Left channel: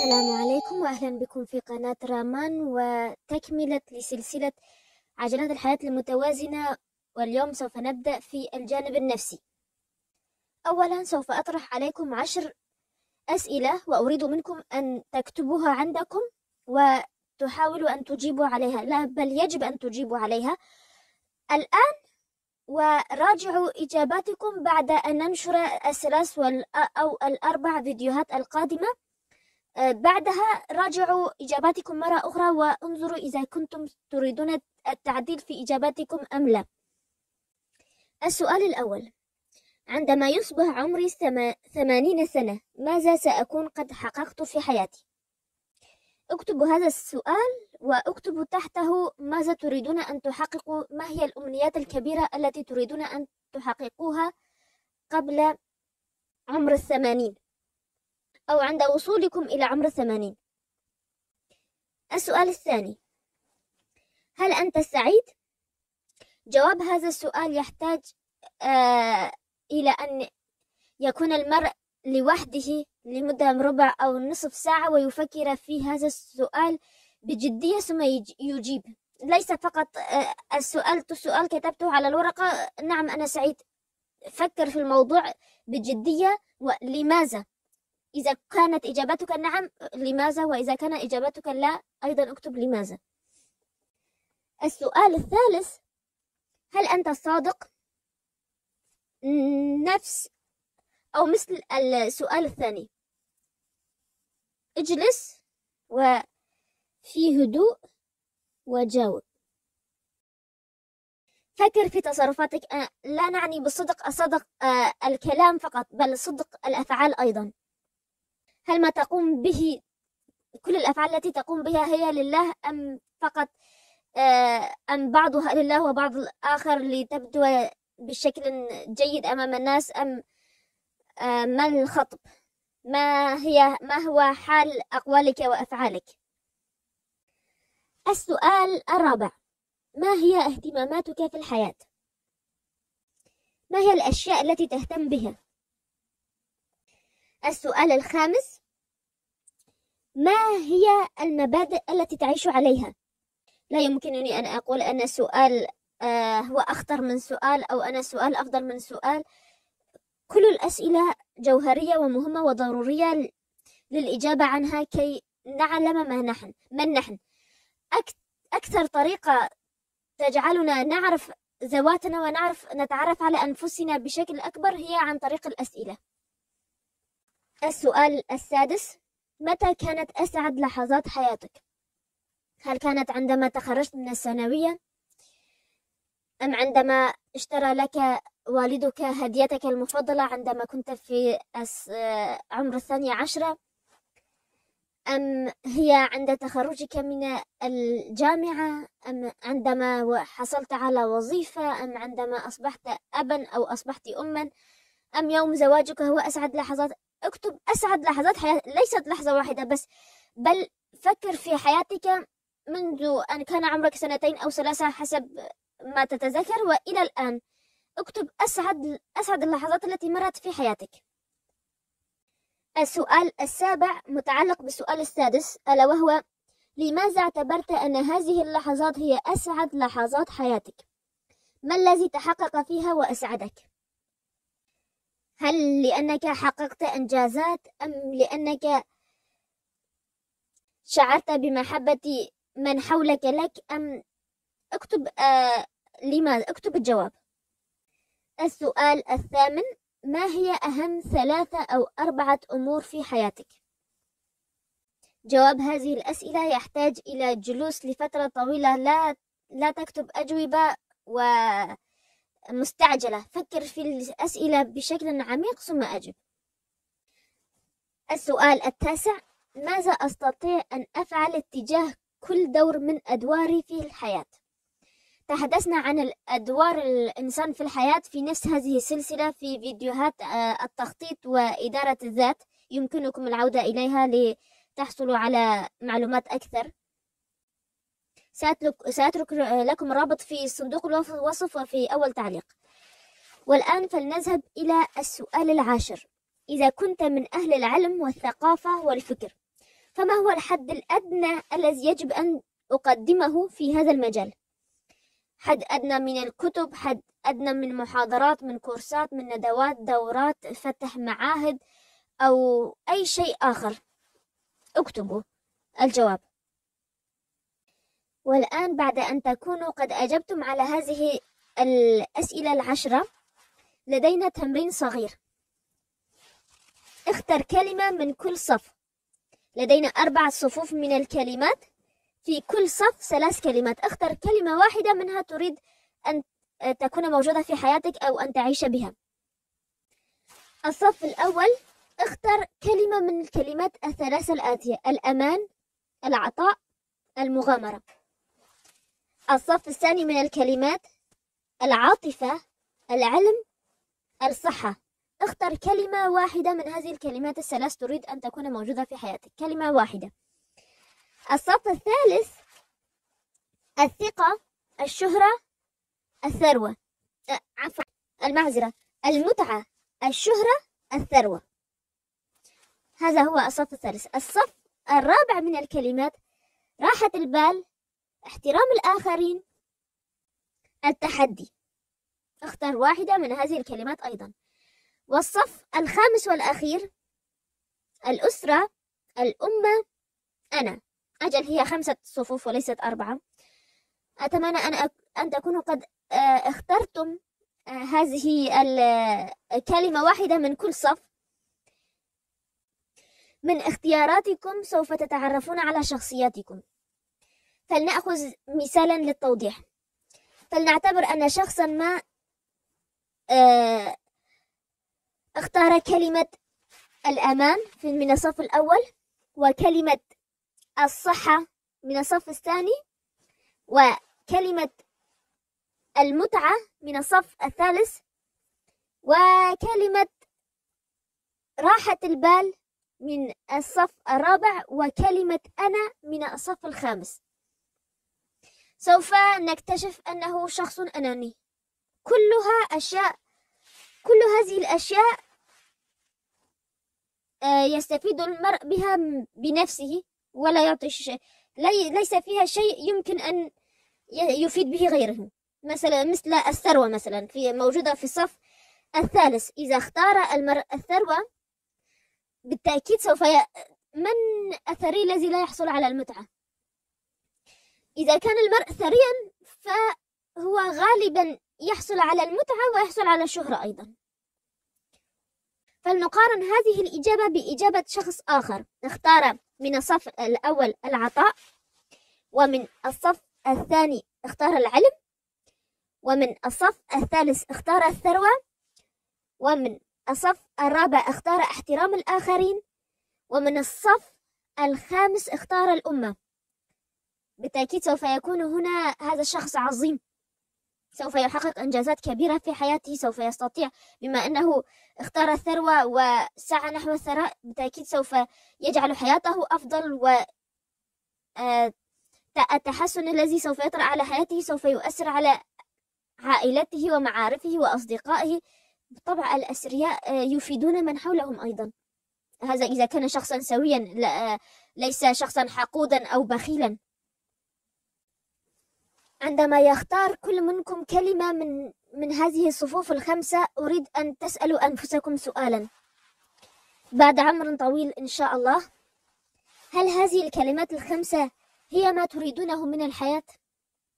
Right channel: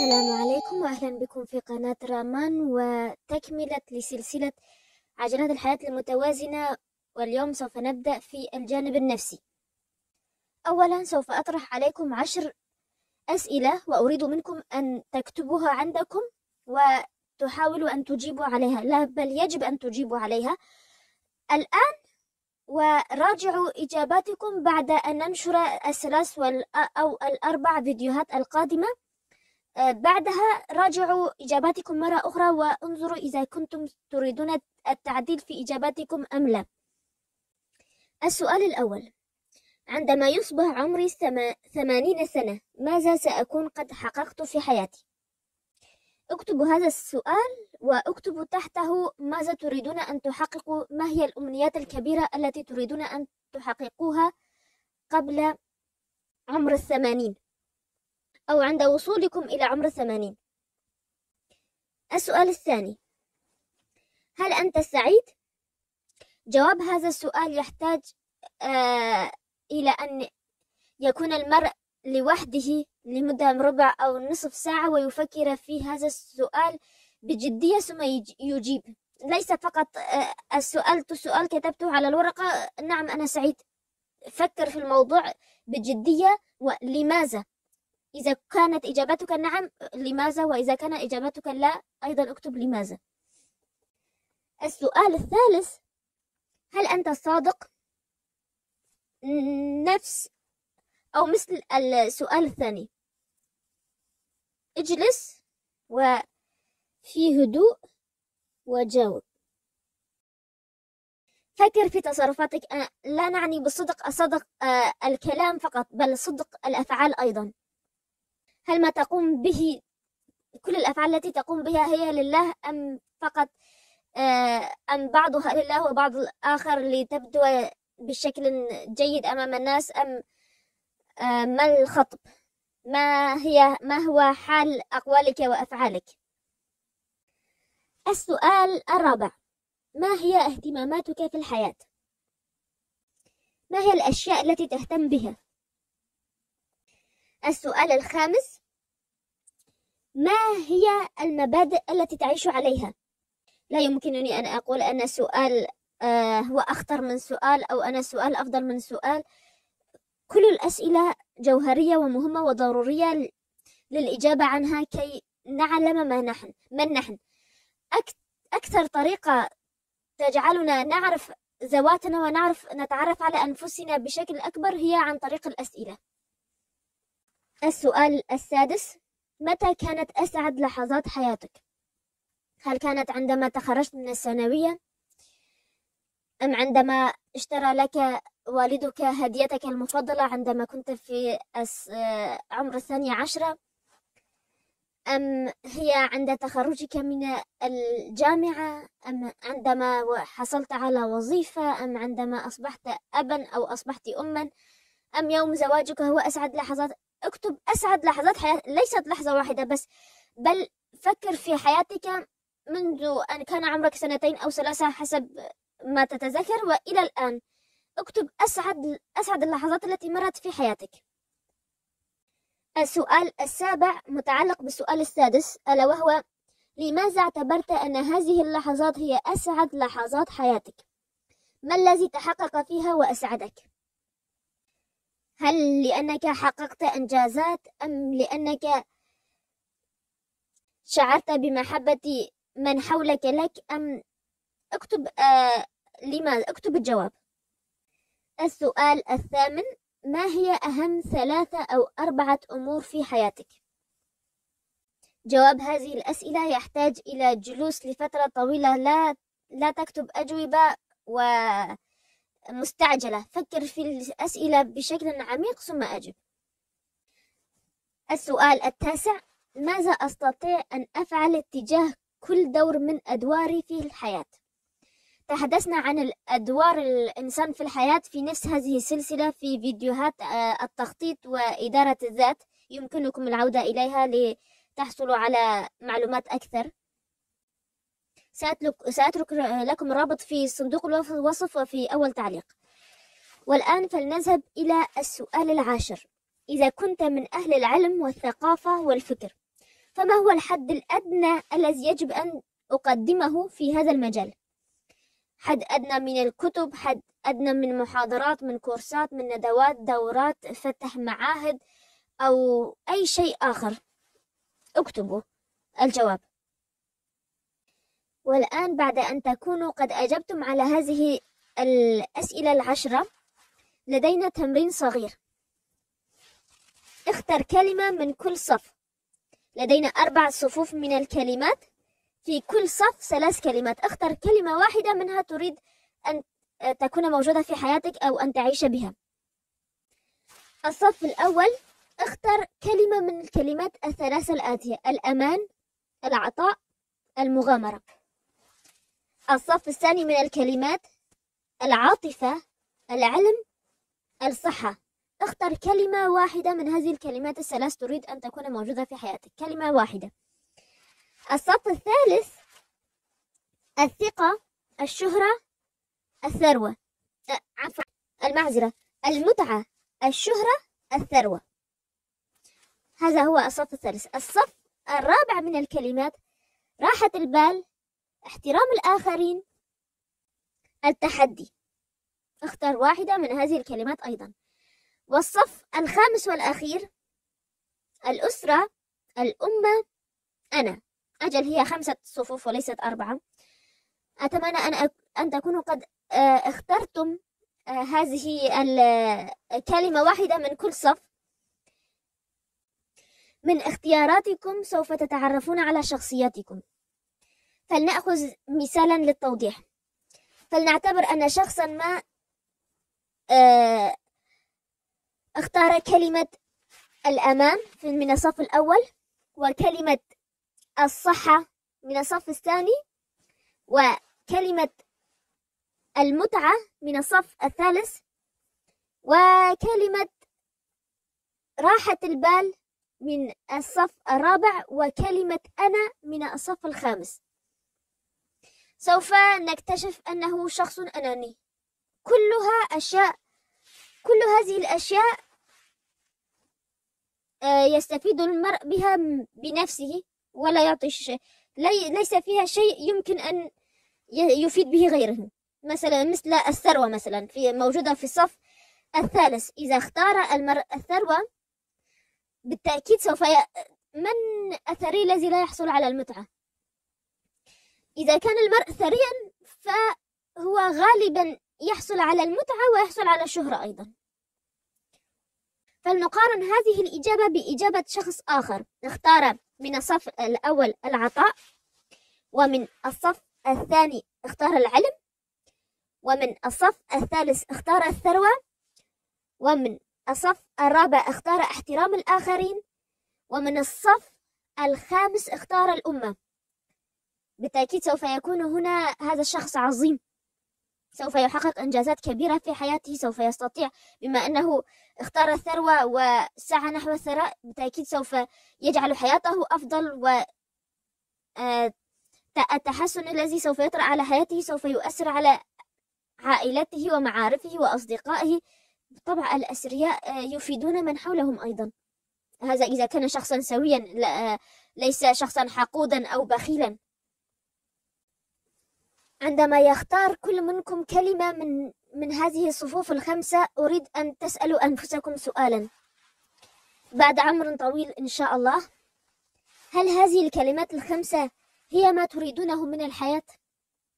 السلام عليكم وأهلا بكم في قناة رامان وتكملة لسلسلة عجلات الحياة المتوازنة. واليوم سوف نبدأ في الجانب النفسي. أولا سوف أطرح عليكم 10 أسئلة وأريد منكم أن تكتبوها عندكم وتحاولوا أن تجيبوا عليها، لا بل يجب أن تجيبوا عليها الآن، وراجعوا إجاباتكم بعد أن ننشر الثلاث أو الأربع فيديوهات القادمة. بعدها راجعوا إجاباتكم مرة أخرى وانظروا إذا كنتم تريدون التعديل في إجاباتكم أم لا. السؤال الأول: عندما يصبح عمري 80 سنة ماذا سأكون قد حققت في حياتي؟ اكتبوا هذا السؤال واكتبوا تحته ماذا تريدون أن تحققوا، ما هي الأمنيات الكبيرة التي تريدون أن تحققوها قبل عمر 80 أو عند وصولكم إلى عمر 80. السؤال الثاني: هل أنت سعيد؟ جواب هذا السؤال يحتاج إلى أن يكون المرء لوحده لمدة ربع أو نصف ساعة ويفكر في هذا السؤال بجدية ثم يجيب، ليس فقط السؤال كتبته على الورقة نعم أنا سعيد. فكر في الموضوع بجدية ولماذا. إذا كانت إجابتك نعم لماذا، وإذا كان إجابتك لا أيضا اكتب لماذا. السؤال الثالث: هل أنت صادق؟ نفس أو مثل السؤال الثاني، اجلس وفي هدوء وجاوب. فكر في تصرفاتك، لا نعني بالصدق الصدق الكلام فقط بل صدق الأفعال أيضا. هل ما تقوم به كل الأفعال التي تقوم بها هي لله أم فقط أم بعضها لله وبعض الآخر لتبدو بشكل جيد أمام الناس، أم ما الخطب، ما هو حال أقوالك وأفعالك. السؤال الرابع: ما هي اهتماماتك في الحياة؟ ما هي الأشياء التي تهتم بها؟ السؤال الخامس: ما هي المبادئ التي تعيش عليها؟ لا يمكنني أن أقول أن سؤال هو أخطر من سؤال أو أن السؤال أفضل من سؤال. كل الأسئلة جوهرية ومهمة وضرورية للإجابة عنها كي نعلم من نحن. أكثر طريقة تجعلنا نعرف ذواتنا ونعرف نتعرف على أنفسنا بشكل أكبر هي عن طريق الأسئلة. السؤال السادس: متى كانت أسعد لحظات حياتك؟ هل كانت عندما تخرجت من الثانوية، أم عندما اشترى لك والدك هديتك المفضلة عندما كنت في عمر 12، أم هي عند تخرجك من الجامعة، أم عندما حصلت على وظيفة، أم عندما أصبحت أبا أو أصبحت أما، أم يوم زواجك هو أسعد لحظات؟ اكتب أسعد لحظات حياتك، ليست لحظة واحدة بس، بل فكر في حياتك منذ أن كان عمرك 2 أو 3 حسب ما تتذكر وإلى الآن. اكتب أسعد اللحظات التي مرت في حياتك. السؤال السابع متعلق بالسؤال السادس، ألا وهو: لماذا اعتبرت أن هذه اللحظات هي أسعد لحظات حياتك؟ ما الذي تحقق فيها وأسعدك؟ هل لأنك حققت إنجازات، أم لأنك شعرت بمحبة من حولك لك، أم اكتب لماذا، اكتب الجواب. السؤال الثامن: ما هي أهم 3 أو 4 أمور في حياتك؟ جواب هذه الأسئلة يحتاج إلى جلوس لفترة طويلة، لا تكتب أجوبة ومستعجلة، فكر في الأسئلة بشكل عميق ثم أجب. السؤال التاسع: ماذا أستطيع أن أفعل تجاه كل دور من أدواري في الحياة؟ تحدثنا عن أدوار الإنسان في الحياة في نفس هذه السلسلة في فيديوهات التخطيط وإدارة الذات، يمكنكم العودة إليها لتحصلوا على معلومات أكثر. سأترك لكم رابط في صندوق الوصف وفي أول تعليق. والآن فلنذهب إلى السؤال العاشر: إذا كنت من أهل العلم والثقافة والفكر فما هو الحد الأدنى الذي يجب أن أقدمه في هذا المجال؟ حد أدنى من الكتب، حد أدنى من محاضرات، من كورسات، من ندوات، دورات، فتح معاهد، أو أي شيء آخر. اكتبوا الجواب. والآن بعد أن تكونوا قد أجبتم على هذه الأسئلة 10 لدينا تمرين صغير. اختر كلمة من كل صف. لدينا 4 صفوف من الكلمات، في كل صف 3 كلمات. اختر كلمة واحدة منها تريد أن تكون موجودة في حياتك أو أن تعيش بها. الصف الأول، اختر كلمة من الكلمات الثلاثة الآتية: الأمان، العطاء، المغامرة. الصف الثاني من الكلمات: العاطفة، العلم، الصحة. اختر كلمة واحدة من هذه الكلمات الثلاث تريد أن تكون موجودة في حياتك، كلمة واحدة. الصف الثالث: الثقة، الشهرة، الثروة. عفوا، المعذرة، المتعة، الشهرة، الثروة. هذا هو الصف الثالث. الصف الرابع من الكلمات: راحة البال، احترام الآخرين، التحدي. اختر واحدة من هذه الكلمات أيضا. والصف الخامس والأخير: الأسرة، الأمة، أنا. أجل، هي 5 صفوف وليست 4. أتمنى أن تكونوا قد اخترتم هذه الكلمة واحدة من كل صف. من اختياراتكم سوف تتعرفون على شخصياتكم. فلنأخذ مثالا للتوضيح. فلنعتبر أن شخصا ما اختار كلمة الأمان من الصف الأول، وكلمة الصحة من الصف الثاني، وكلمة المتعة من الصف الثالث، وكلمة راحة البال من الصف الرابع، وكلمة أنا من الصف الخامس. سوف نكتشف أنه شخص أناني. كل هذه الأشياء يستفيد المرء بها بنفسه، ولا يعطي شيء، ليس فيها شيء يمكن أن يفيد به غيره. مثل الثروة مثلا، موجودة في الصف الثالث. إذا اختار المرء الثروة بالتأكيد من الثري الذي لا يحصل على المتعة؟ إذا كان المرء ثريا فهو غالبا يحصل على المتعة ويحصل على الشهرة أيضا. فلنقارن هذه الإجابة بإجابة شخص آخر. اختار من الصف الأول العطاء، ومن الصف الثاني اختار العلم، ومن الصف الثالث اختار الثروة، ومن الصف الرابع اختار احترام الآخرين، ومن الصف الخامس اختار الأمة. بالتأكيد سوف يكون هنا هذا الشخص عظيم، سوف يحقق إنجازات كبيرة في حياته، سوف يستطيع بما أنه اختار الثروة وسعى نحو الثراء، بالتأكيد سوف يجعل حياته أفضل، والتحسن الذي سوف يطرأ على حياته سوف يؤثر على عائلته ومعارفه وأصدقائه. بالطبع الأثرياء يفيدون من حولهم أيضا، هذا إذا كان شخصا سويا، ليس شخصا حقودا أو بخيلا. عندما يختار كل منكم كلمة من هذه الصفوف الخمسة، أريد أن تسألوا أنفسكم سؤالا بعد عمر طويل إن شاء الله: هل هذه الكلمات الخمسة هي ما تريدونه من الحياة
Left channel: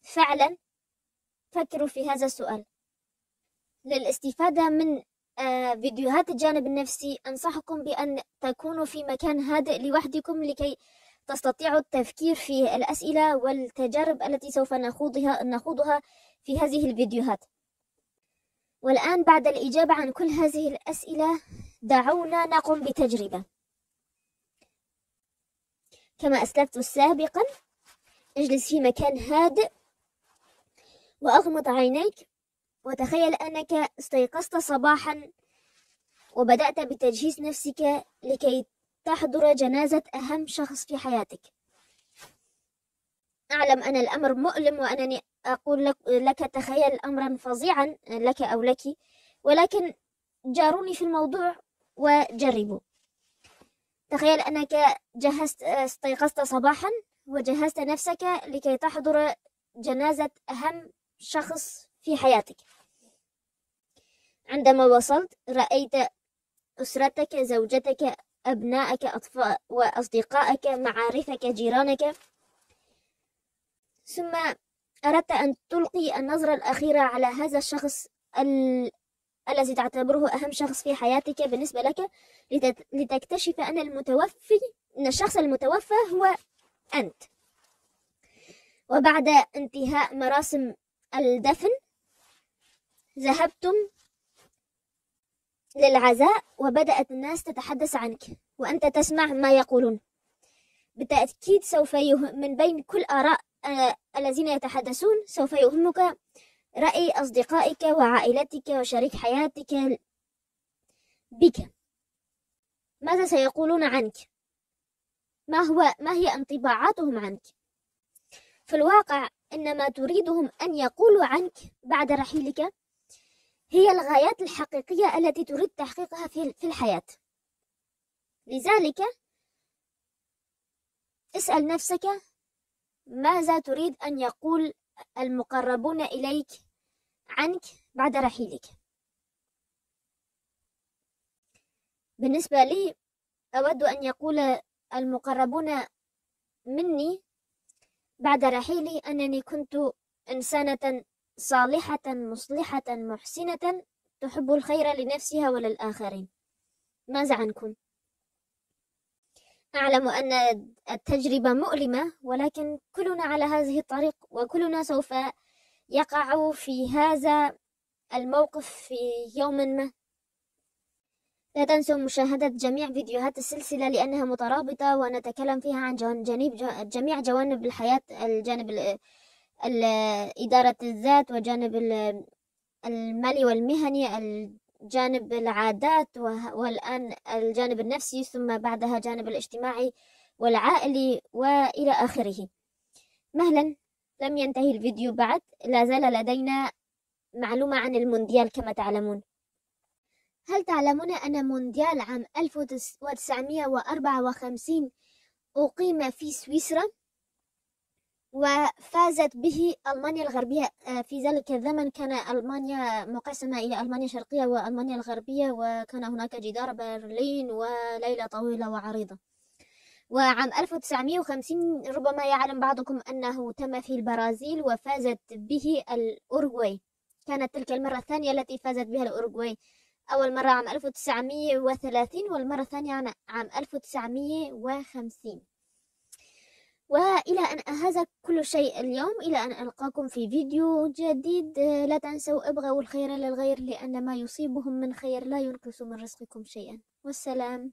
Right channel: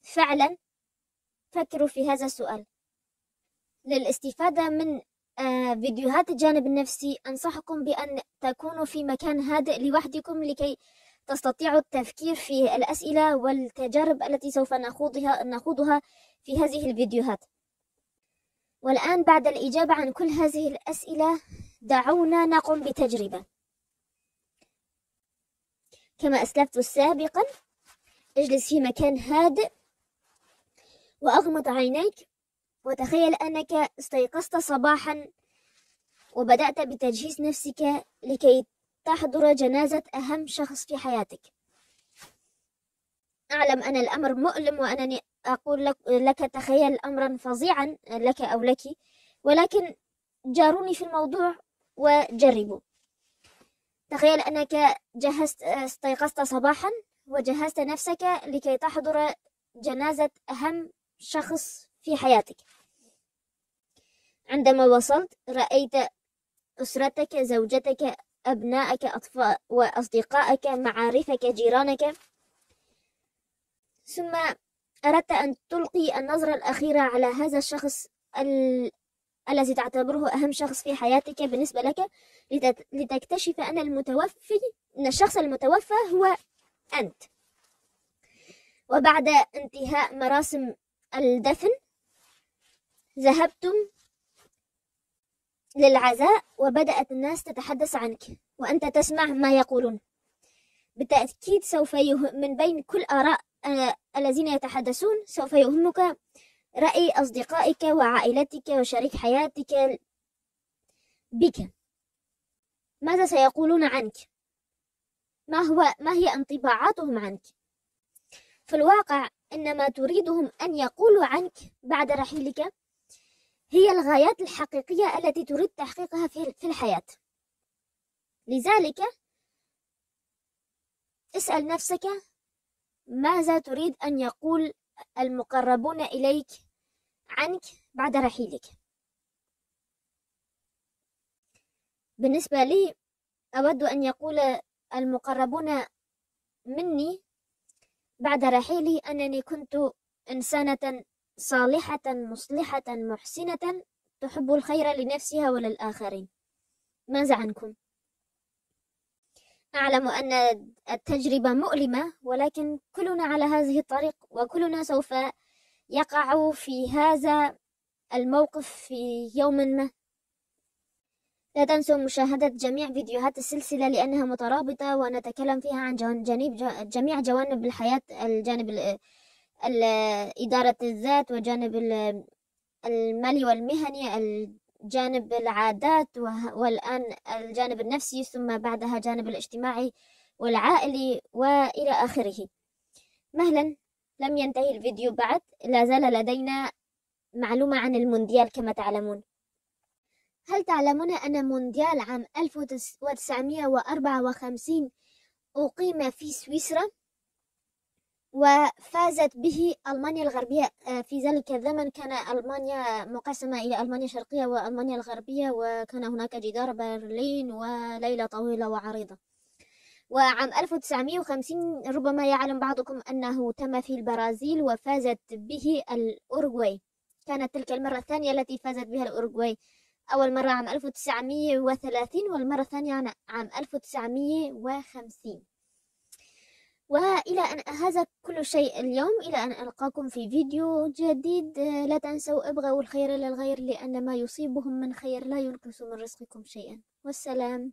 فعلا؟ فكروا في هذا السؤال. للاستفادة من فيديوهات الجانب النفسي أنصحكم بأن تكونوا في مكان هادئ لوحدكم لكي تستطيعوا التفكير في الأسئلة والتجارب التي سوف نخوضها في هذه الفيديوهات. والآن بعد الإجابة عن كل هذه الأسئلة دعونا نقوم بتجربة. كما أسلفت سابقا، اجلس في مكان هادئ وأغمض عينيك، وتخيل أنك استيقظت صباحا وبدأت بتجهيز نفسك لكي تحضر جنازة أهم شخص في حياتك. أعلم أن الأمر مؤلم، وأنني أقول لك تخيل أمرا فظيعا لك أو لك، ولكن جاروني في الموضوع وجربوا. تخيل أنك استيقظت صباحا وجهزت نفسك لكي تحضر جنازة أهم شخص في حياتك. عندما وصلت رأيت أسرتك، زوجتك، أبنائك، أطفال وأصدقائك، معارفك، جيرانك، ثم أردت أن تلقي النظرة الأخيرة على هذا الشخص الذي تعتبره أهم شخص في حياتك بالنسبة لك، لتكتشف أن الشخص المتوفى هو أنت. وبعد انتهاء مراسم الدفن ذهبتم للعزاء، وبدأت الناس تتحدث عنك وأنت تسمع ما يقولون. بالتأكيد من بين كل آراء الذين يتحدثون سوف يهمك رأي أصدقائك وعائلتك وشريك حياتك بك. ماذا سيقولون عنك؟ ما هي انطباعاتهم عنك؟ في الواقع إن ما تريدهم أن يقولوا عنك بعد رحيلك هي الغايات الحقيقية التي تريد تحقيقها في الحياة. لذلك اسأل نفسك ماذا تريد أن يقول المقربون إليك عنك بعد رحيلك. بالنسبة لي أود أن يقول المقربون مني بعد رحيلي أنني كنت إنسانة صالحة مصلحة محسنة تحب الخير لنفسها وللآخرين. ماذا عنكم؟ أعلم أن التجربة مؤلمة، ولكن كلنا على هذه الطريق، وكلنا سوف يقع في هذا الموقف في يوم ما. لا تنسوا مشاهدة جميع فيديوهات السلسلة لأنها مترابطة، ونتكلم فيها عن جميع جوانب الحياة، الجانب إدارة الذات، وجانب المالي والمهني، الجانب العادات، والآن الجانب النفسي، ثم بعدها جانب الاجتماعي والعائلي وإلى آخره. مهلا، لم ينتهي الفيديو بعد، لا زال لدينا معلومة عن المونديال كما تعلمون. هل تعلمون أن مونديال عام 1954 أقيم في سويسرا وفازت به ألمانيا الغربية؟ في ذلك الزمن كان ألمانيا مقسمة إلى ألمانيا الشرقية وألمانيا الغربية، وكان هناك جدار برلين وليلة طويلة وعريضة. وعام 1950 ربما يعلم بعضكم أنه تم في البرازيل وفازت به الأوروغواي. كانت تلك المرة الثانية التي فازت بها الأوروغواي، أول مرة عام 1930 والمرة الثانية عام 1950. وإلى أن هذا كل شيء اليوم، إلى أن ألقاكم في فيديو جديد. لا تنسوا ابغوا الخير للغير، لأن ما يصيبهم من خير لا ينقص من رزقكم شيئا. والسلام.